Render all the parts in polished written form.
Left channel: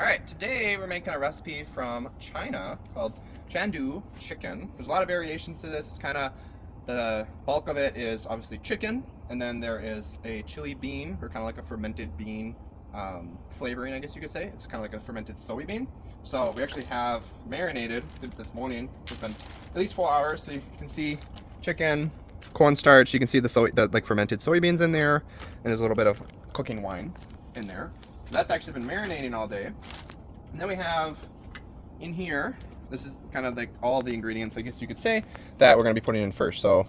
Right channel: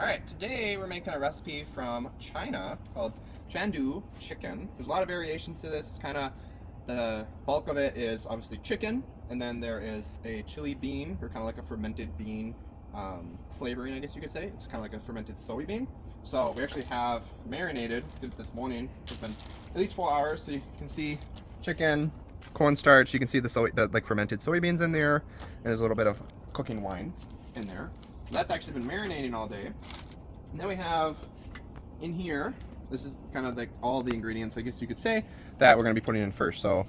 Alright, today we're making a recipe from China called Chengdu Chicken. There's a lot of variations to this. It's kind of, the bulk of it is obviously chicken, and then there is a chili bean, or kind of like a fermented bean flavoring, I guess you could say. It's kind of like a fermented soybean. So we actually have marinated this morning. It's been at least 4 hours, so you can see chicken, cornstarch, you can see the like fermented soybeans in there, and there's a little bit of cooking wine in there. That's actually been marinating all day. And then we have in here, this is kind of like all the ingredients, I guess you could say, that we're going to be putting in first. So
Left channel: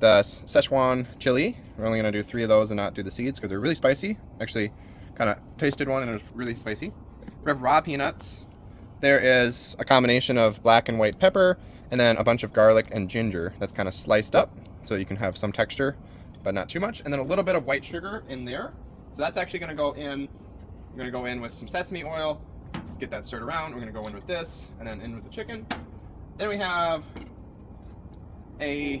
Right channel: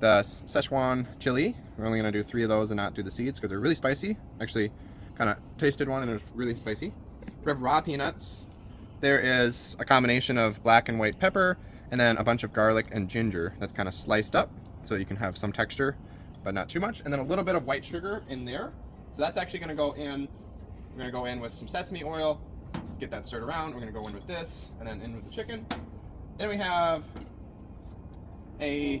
the Szechuan chili, we're only going to do 3 of those and not do the seeds because they're really spicy. Actually, kind of tasted one and it was really spicy. We have raw peanuts. There is a combination of black and white pepper, and then a bunch of garlic and ginger that's kind of sliced up so you can have some texture, but not too much. And then a little bit of white sugar in there. So that's actually going to go in. We're going to go in with some sesame oil, get that stirred around. We're going to go in with this, and then in with the chicken. Then we have we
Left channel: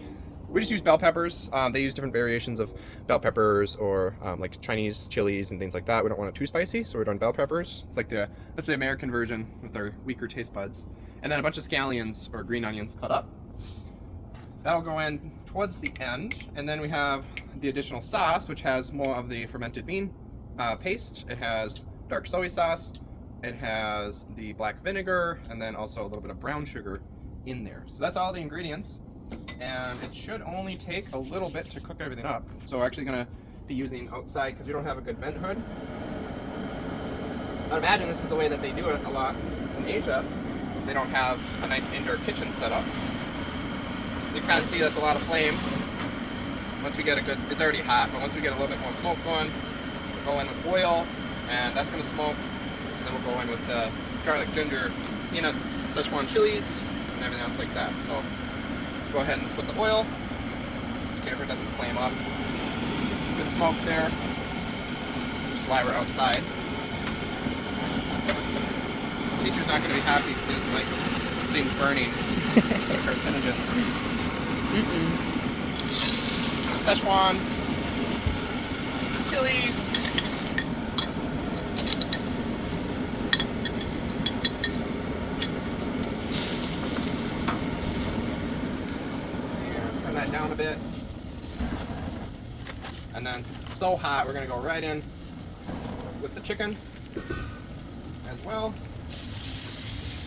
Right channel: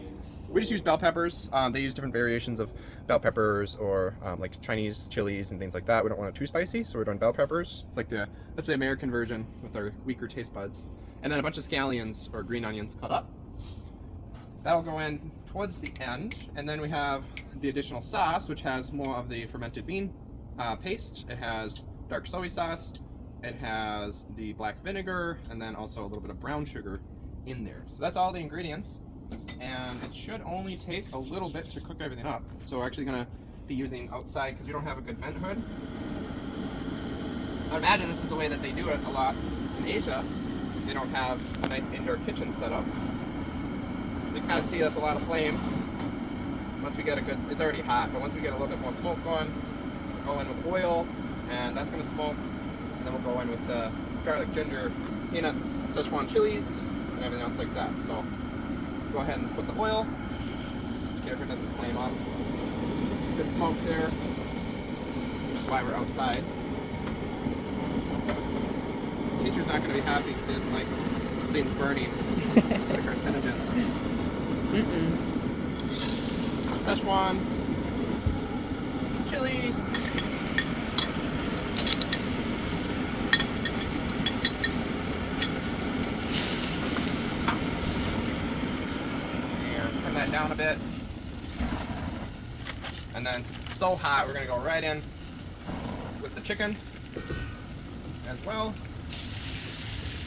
just use bell peppers. They use different variations of bell peppers, or like Chinese chilies and things like that. We don't want it too spicy, so we're doing bell peppers. It's like that's the American version with our weaker taste buds. And then a bunch of scallions, or green onions, cut up. That'll go in towards the end. And then we have the additional sauce, which has more of the fermented bean paste. It has dark soy sauce, it has the black vinegar, and then also a little bit of brown sugar in there. So that's all the ingredients, and it should only take a little bit to cook everything up. So we're actually going to be using outside because we don't have a good vent hood. I'd imagine this is the way that they do it a lot in Asia. They don't have a nice indoor kitchen set up. You kind of see that's a lot of flame. Once we get a good, it's already hot, but once we get a little bit more smoke going, we'll go in with oil, and that's going to smoke. And then we'll go in with the garlic, ginger, peanuts, Szechuan chilies, and everything else like that. So go ahead and put the oil. Be careful it doesn't flame up. Good smoke there. Which is why we're outside. Teacher's not going to be happy because like things burning. Carcinogens. Szechuan chilies. Turn that down a bit. And then since it's so hot, we're going to go right in with the chicken as well.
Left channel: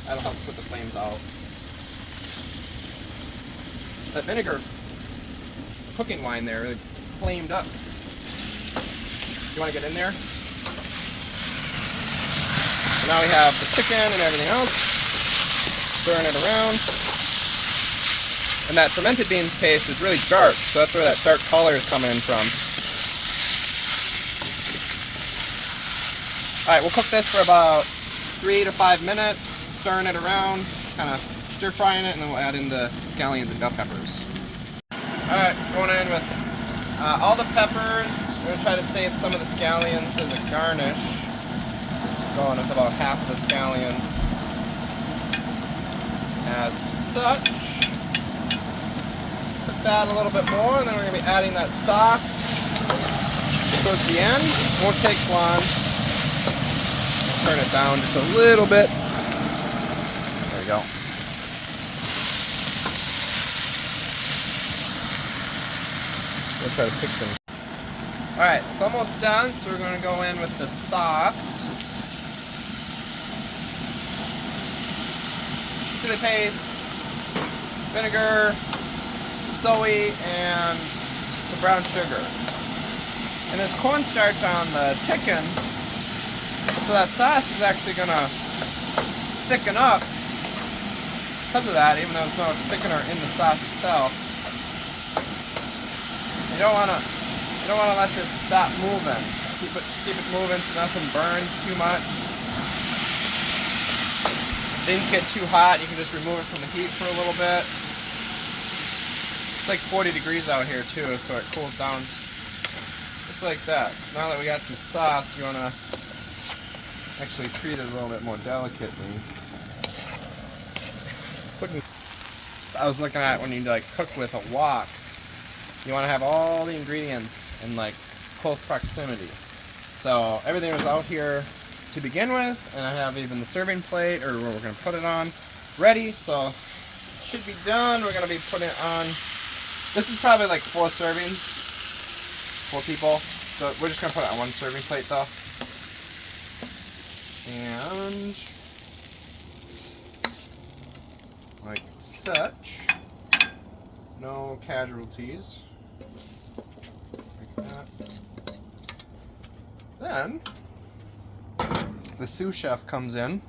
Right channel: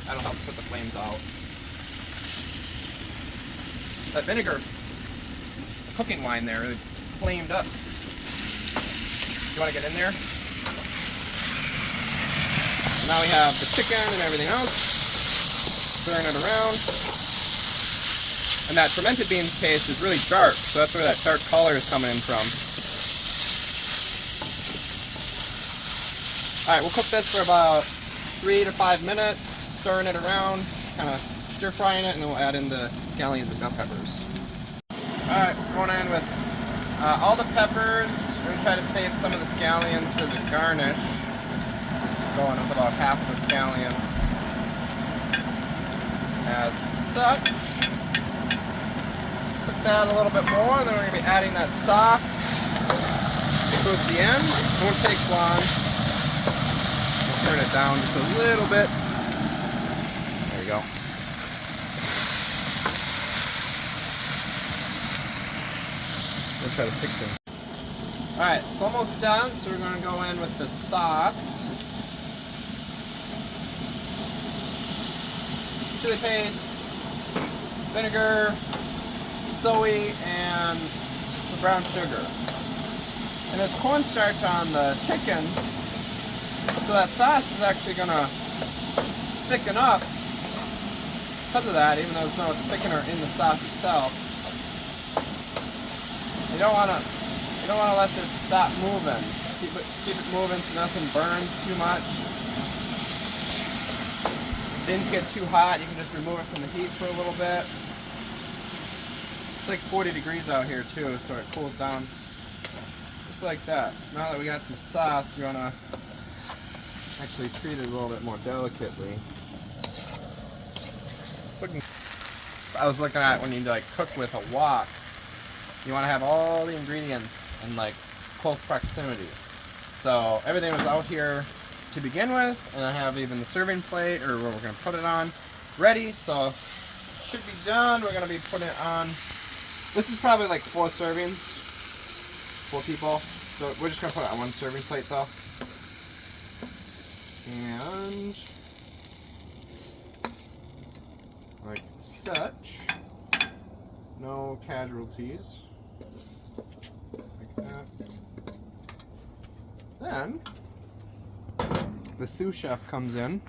That'll help put the flames out. That vinegar, the cooking wine there, really flamed up. You want to get in there? And now we have the chicken and everything else. Stirring it around. And that fermented beans paste is really dark, so that's where that dark color is coming from. Alright, we'll cook this for about 3 to 5 minutes, stirring it around, kind of stir frying it, and then we'll add in the scallions and bell peppers. Alright, going in with all the peppers. We're going to try to save some of the scallions as a garnish. Going with about half of the scallions as such. Cook that a little bit more, and then we're going to be adding that sauce towards the end. It won't take long. Turn it down just a little bit. There we go. We'll try to fix them. Alright, it's almost done, so we're going to go in with the sauce. Chili paste, vinegar, soy, and the brown sugar. And there's cornstarch on the chicken, so that sauce is actually going to thicken up because of that, even though there's no thickener in the sauce itself. You don't want to let this stop moving. Keep it moving so nothing burns too much. Things get too hot, you can just remove it from the heat for a little bit. It's like 40 degrees out here too, so it cools down just like that. Now that we got some sauce, you want to actually treat it a little bit more delicately. I was looking at when you like cook with a wok, you want to have all the ingredients in like close proximity. So everything was out here to begin with, and I have even the serving plate, or what we're going to put it on, ready. So it should be done. We're going to be putting it on. This is probably like 4 servings, 4 people. So we're just going to put it on 1 serving plate though. And like such. No casualties. Like that. Then the sous chef comes in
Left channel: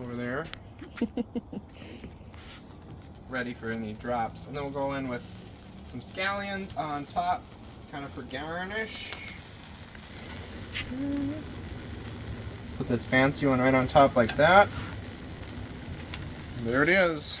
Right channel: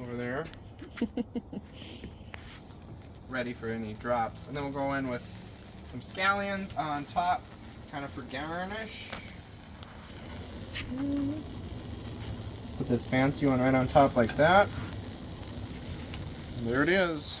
over there, ready for any drops, and then we'll go in with some scallions on top, kind of for garnish. Put this fancy one right on top like that. And there it is.